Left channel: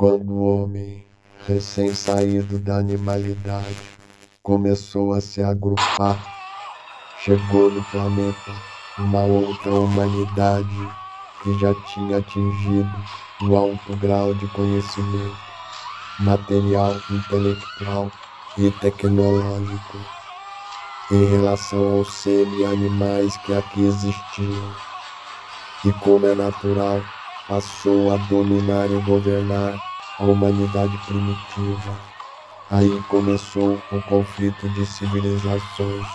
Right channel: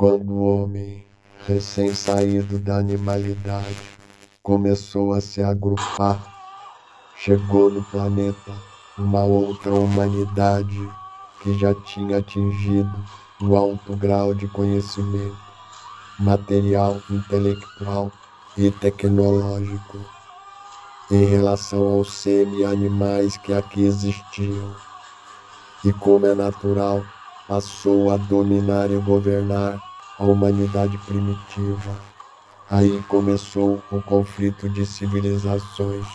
Quando o homem, recém-saído da animalidade, começou a se agrupar, chegou no planeta uma outra humanidade que já tinha atingido um alto grau de conhecimento material, intelectual e tecnológico em relação aos semi-animais que aqui existiam. E como é natural, passou a dominar e governar a humanidade primitiva. Aí começou o conflito de civilizações.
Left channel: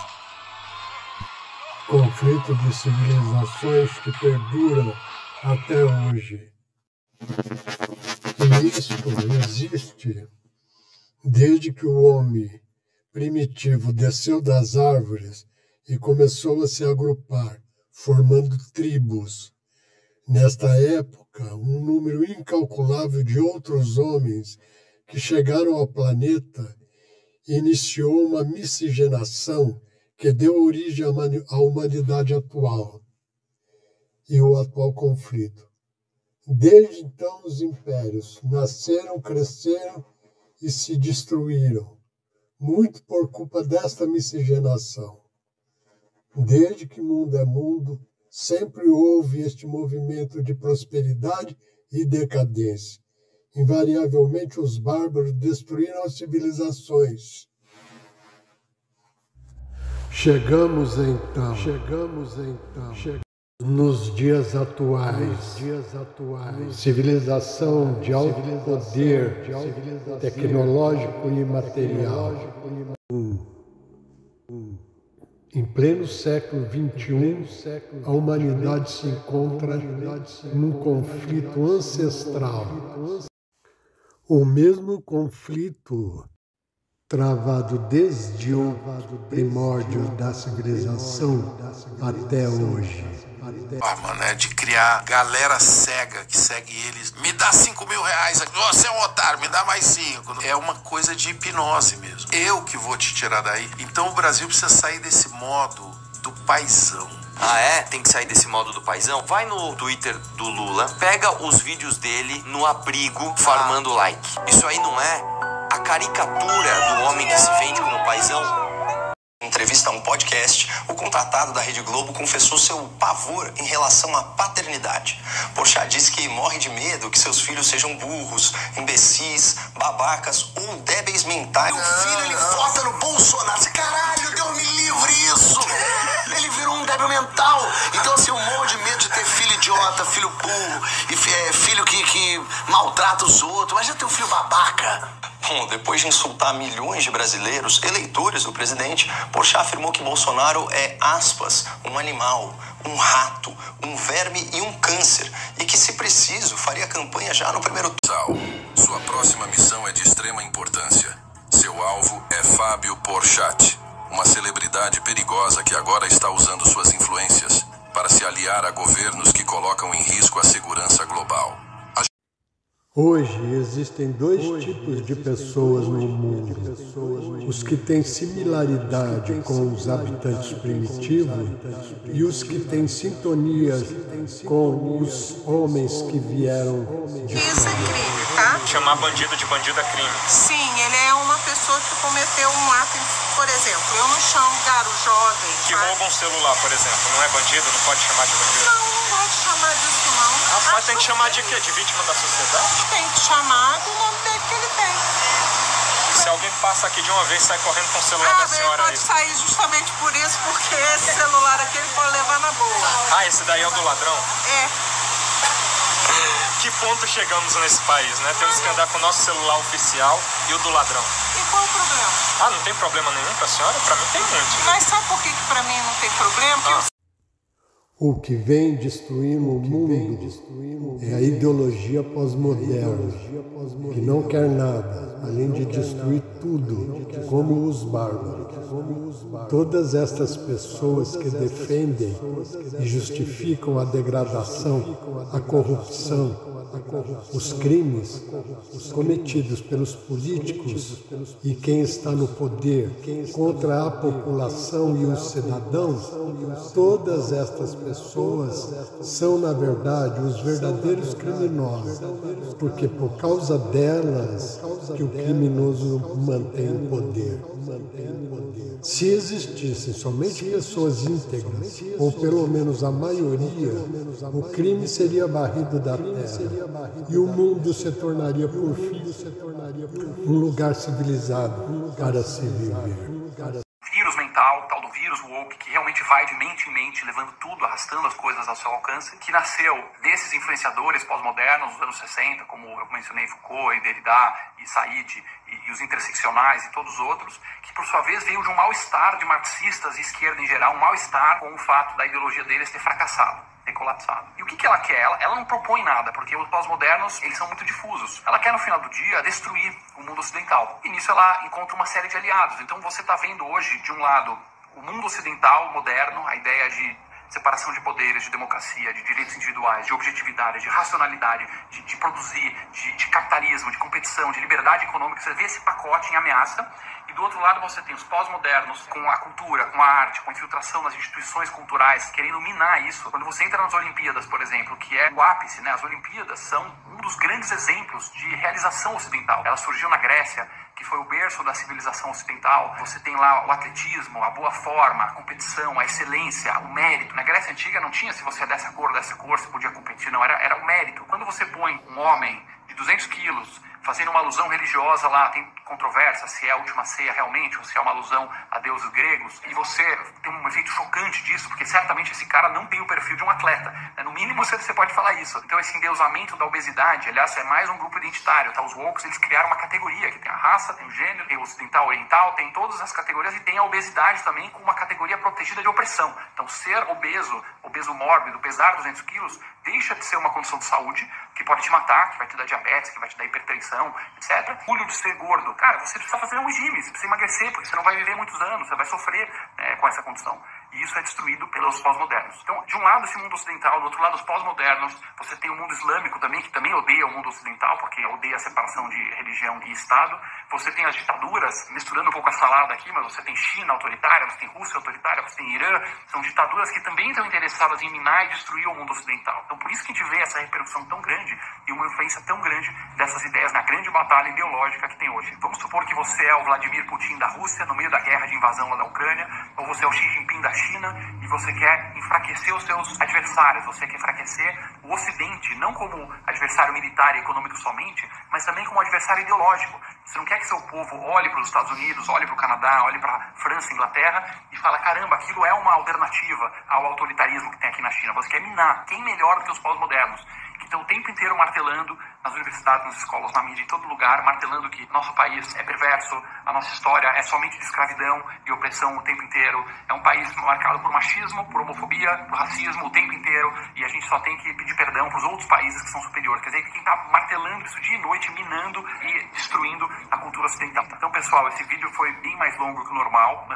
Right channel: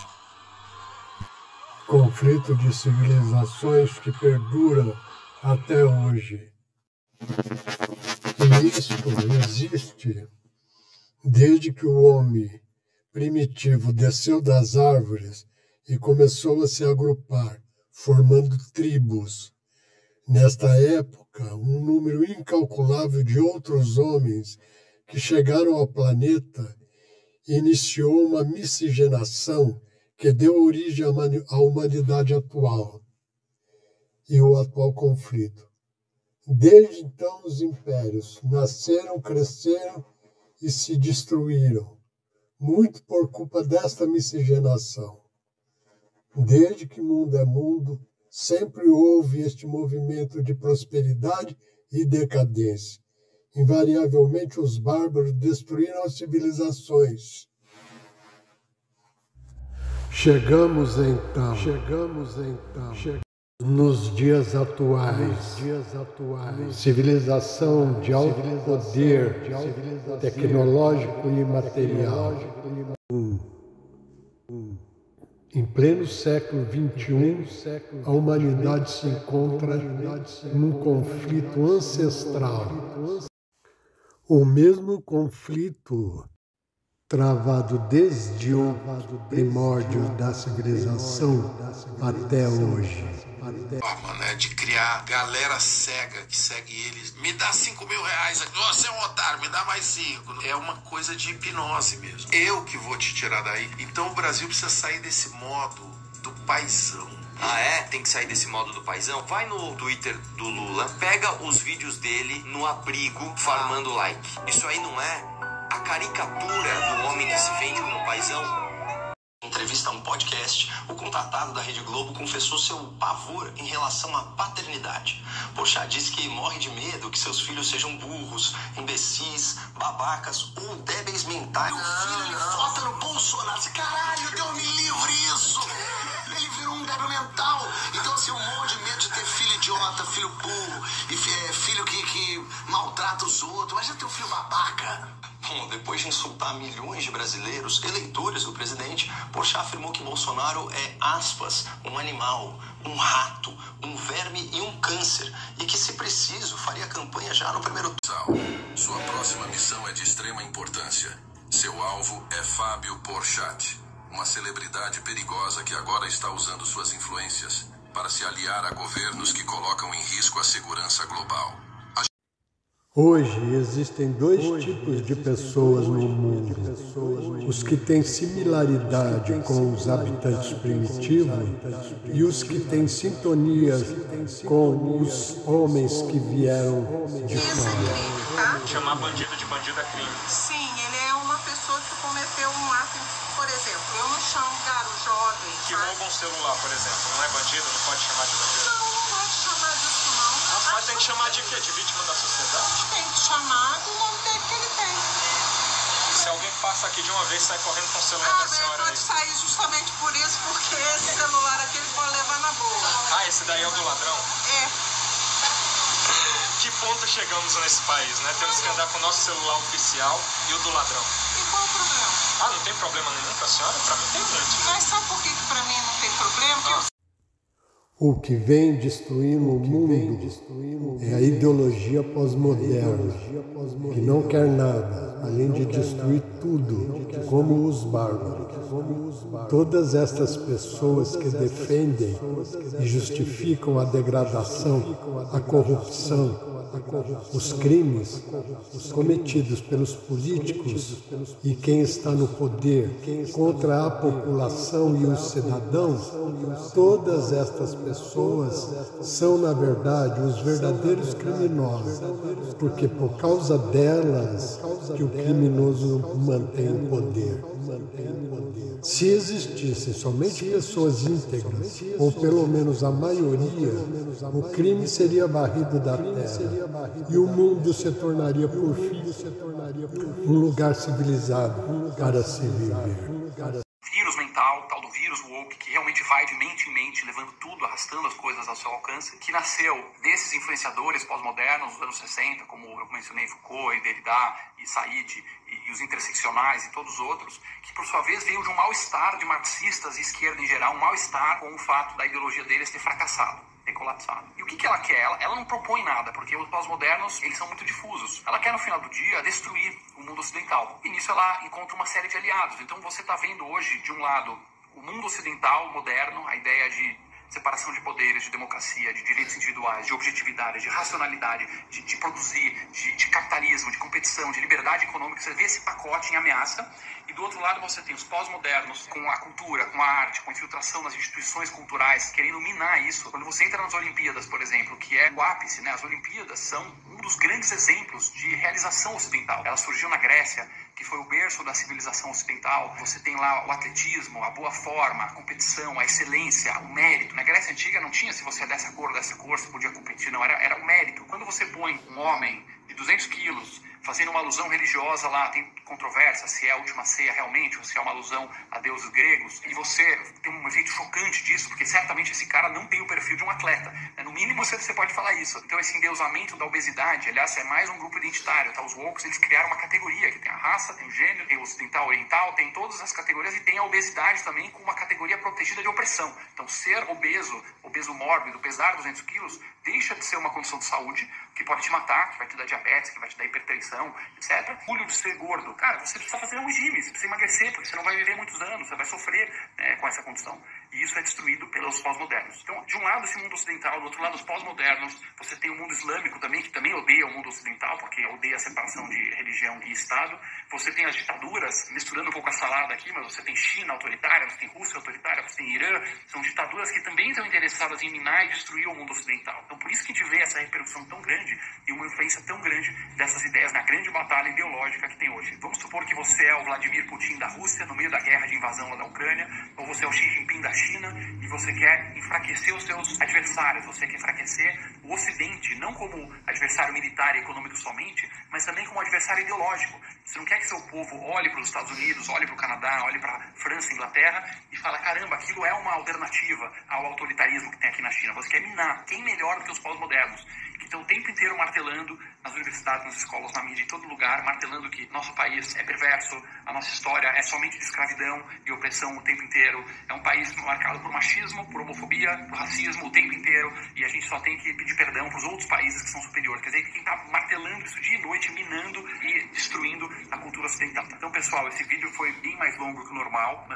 Conflito de civilizações que perduram até hoje. E isto existe desde que o homem primitivo desceu das árvores e começou a se agrupar, formando tribos. Nesta época, um número incalculável de outros homens que chegaram ao planeta iniciou uma miscigenação que deu origem à humanidade atual e o atual conflito. Desde então, os impérios nasceram, cresceram e se destruíram, muito por culpa desta miscigenação. Desde que mundo é mundo, sempre houve este movimento de prosperidade e decadência. Invariavelmente, os bárbaros destruíram as civilizações. Chegamos então nos dias atuais, civilização de alto poder tecnológico e material. Em pleno século XXI, a humanidade se encontra num conflito ancestral. O mesmo conflito travado desde o primórdio da civilização até hoje. Forma, né, de criar galera cega que segue eles. Me dá 5 mil reais, você é um otário, me dá mais 5. É uma coisa de hipnose mesmo. Eu que vou te tirar daí. Então o Brasil precisa sair desse modo do paizão. Ah, é? Tem que sair desse modo do paizão? Vai no Twitter do Lula, pega os vídeos dele no abrigo farmando like. Isso aí não é a caricatura do homem que se vende como paizão? Em entrevista a um podcast, o contratado da Rede Globo confessou seu pavor em relação à paternidade. Porchat disse que morre de medo que seus filhos sejam burros, imbecis, babacas ou débeis mentais. Meu filho, ele vota no Bolsonaro. Caralho, Deus me livre isso. Ele virou um débil mental. Então, assim, eu morro de medo de ter filho idiota, filho burro, e filho que maltrata os outros. Mas já tem um filho babaca. Bom, depois de insultar milhões de brasileiros, eleitores do presidente, Porchat afirmou que Bolsonaro é, aspas, um animal, um rato, um verme e um câncer, e que, se preciso, faria campanha já no primeiro turno. Sua próxima missão é de extrema importância. Seu alvo é Fábio Porchat, uma celebridade perigosa que agora está usando suas influências para se aliar a governos que colocam em risco a segurança global. Hoje existem dois tipos de pessoas no mundo. Os que têm similaridade com os habitantes primitivos e os que têm sintonia com os homens que vieram de fora. Chamar bandido de bandido é crime. Sim, ele é uma pessoa que cometeu um ato, por exemplo, eu não chamo garo jovem. Que rouba um celular, por exemplo, não é bandido? Não pode chamar de bandido? Não pode chamar disso não. Mas tem que chamar de quê? De vítima da sociedade? Tem que chamar do nome dele que ele tem. Se alguém passa aqui de uma vez e sai correndo com o celular da senhora ele pode sair justamente por isso, porque esse celular aqui ele pode levar na boa. Ah, esse daí é o do ladrão? É. Que ponto chegamos nesse país, né? Temos que andar com o nosso celular oficial e o do ladrão. E qual o problema? Ah, não tem problema nenhum pra senhora? Pra mim tem muito. Mas sabe por que pra mim não tem problema? O que vem destruindo o mundo é a ideologia pós-moderna, que não quer nada, além de destruir tudo, como os bárbaros. Todas estas pessoas que defendem e justificam a degradação, a corrupção, os crimes cometidos pelos políticos e quem está no poder contra a população e os cidadãos, todas estas pessoas são, na verdade, os verdadeiros criminosos, porque por causa delas que o criminoso mantém o poder. Se existissem somente pessoas íntegras, ou pelo menos a maioria, o crime seria varrido da terra e o mundo se tornaria, por fim, um lugar civilizado para se viver. Vírus mental, tal do vírus woke, que realmente vai de mente em mente, levando tudo, arrastando as coisas ao seu alcance, que nasceu desses influenciadores pós-modernos dos anos 60, como eu mencionei Foucault e Derrida e Said e os interseccionais e todos os outros, que por sua vez veio de um mal-estar de marxistas e esquerda em geral, um mal-estar com o fato da ideologia deles ter fracassado, ter colapsado. E o que ela quer? Ela não propõe nada, porque os pós-modernos, eles são muito difusos. Ela quer, no final do dia, destruir o mundo ocidental. E nisso ela encontra uma série de aliados. Então você está vendo hoje, de um lado, o mundo ocidental moderno, a ideia de separação de poderes, de democracia, de direitos individuais, de objetividade, de racionalidade, de produzir, de capitalismo, de competição, de liberdade econômica. Você vê esse pacote em ameaça. E do outro lado você tem os pós-modernos com a cultura, com a arte, com a infiltração nas instituições culturais, querendo minar isso. Quando você entra nas Olimpíadas, por exemplo, que é o ápice, né? As Olimpíadas são um dos grandes exemplos de realização ocidental. Ela surgiu na Grécia, que foi o berço da civilização ocidental. Você tem lá o atletismo, a boa forma, a competição, a excelência, o mérito. Na Grécia Antiga não tinha se você é dessa cor, você podia competir, não, era o mérito. Quando você põe um homem de 200 quilos fazendo uma alusão religiosa lá, tem controvérsia se é a última ceia realmente ou se é uma alusão a deuses gregos, e você tem um efeito chocante disso, porque certamente esse cara não tem o perfil de um atleta, né? No mínimo você pode falar isso. Então esse endeusamento da obesidade, aliás, é mais um grupo identitário, tá? Os wokes, eles criaram uma categoria, que tem a raça, tem o gênero, tem o ocidental, oriental, tem todas as categorias, e tem a obesidade também com uma categoria protegida de opressão. Então ser obeso mórbido, pesar 200 quilos, deixa de ser uma condição de saúde, que pode te matar, que vai te dar diabetes, que vai te dar hipertensão, etc. Orgulho de ser gordo. Cara, você precisa fazer um regime, você precisa emagrecer, porque você não vai viver muitos anos, você vai sofrer com essa condição. E isso é destruído pelos pós-modernos. Então, de um lado esse mundo ocidental, do outro lado os pós-modernos, você tem o mundo islâmico também, que também odeia o mundo ocidental, porque odeia a separação de religião e Estado. Você tem as ditaduras, misturando um pouco a salada aqui, mas você tem China autoritária, você tem Rússia autoritária, você tem Irã. São ditaduras que também estão interessadas em minar e destruir o mundo ocidental. Então, por isso que a gente vê essa repercussão tão grande e uma influência tão grande dessas ideias na grande batalha ideológica que tem hoje. Vamos supor que você é o Vladimir Putin da Rússia, no meio da guerra de invasão lá da Ucrânia, ou você é o Xi Jinping da China e você quer enfraquecer os seus adversários, você quer enfraquecer o Ocidente, não como adversário militar e econômico somente, mas também como adversário ideológico. Você não quer que seu povo olhe para os Estados Unidos, olhe para o Canadá, olhe para a França, Inglaterra e fala, caramba, aquilo é uma alternativa ao autoritarismo que tem aqui na China. Você quer minar. Quem melhor do que os pós-modernos? Que estão o tempo inteiro martelando nas universidades, nas escolas, na mídia, em todo lugar, martelando que nosso país é perverso, a nossa história é somente de escravidão e opressão o tempo inteiro. É um país marcado por machismo, por homofobia, por racismo o tempo inteiro, e a gente só tem que pedir perdão para os outros países que são superiores. Quer dizer, quem está martelando isso dia e noite, minando e destruindo a cultura ocidental. Então, pessoal, esse vídeo foi bem mais longo que o normal.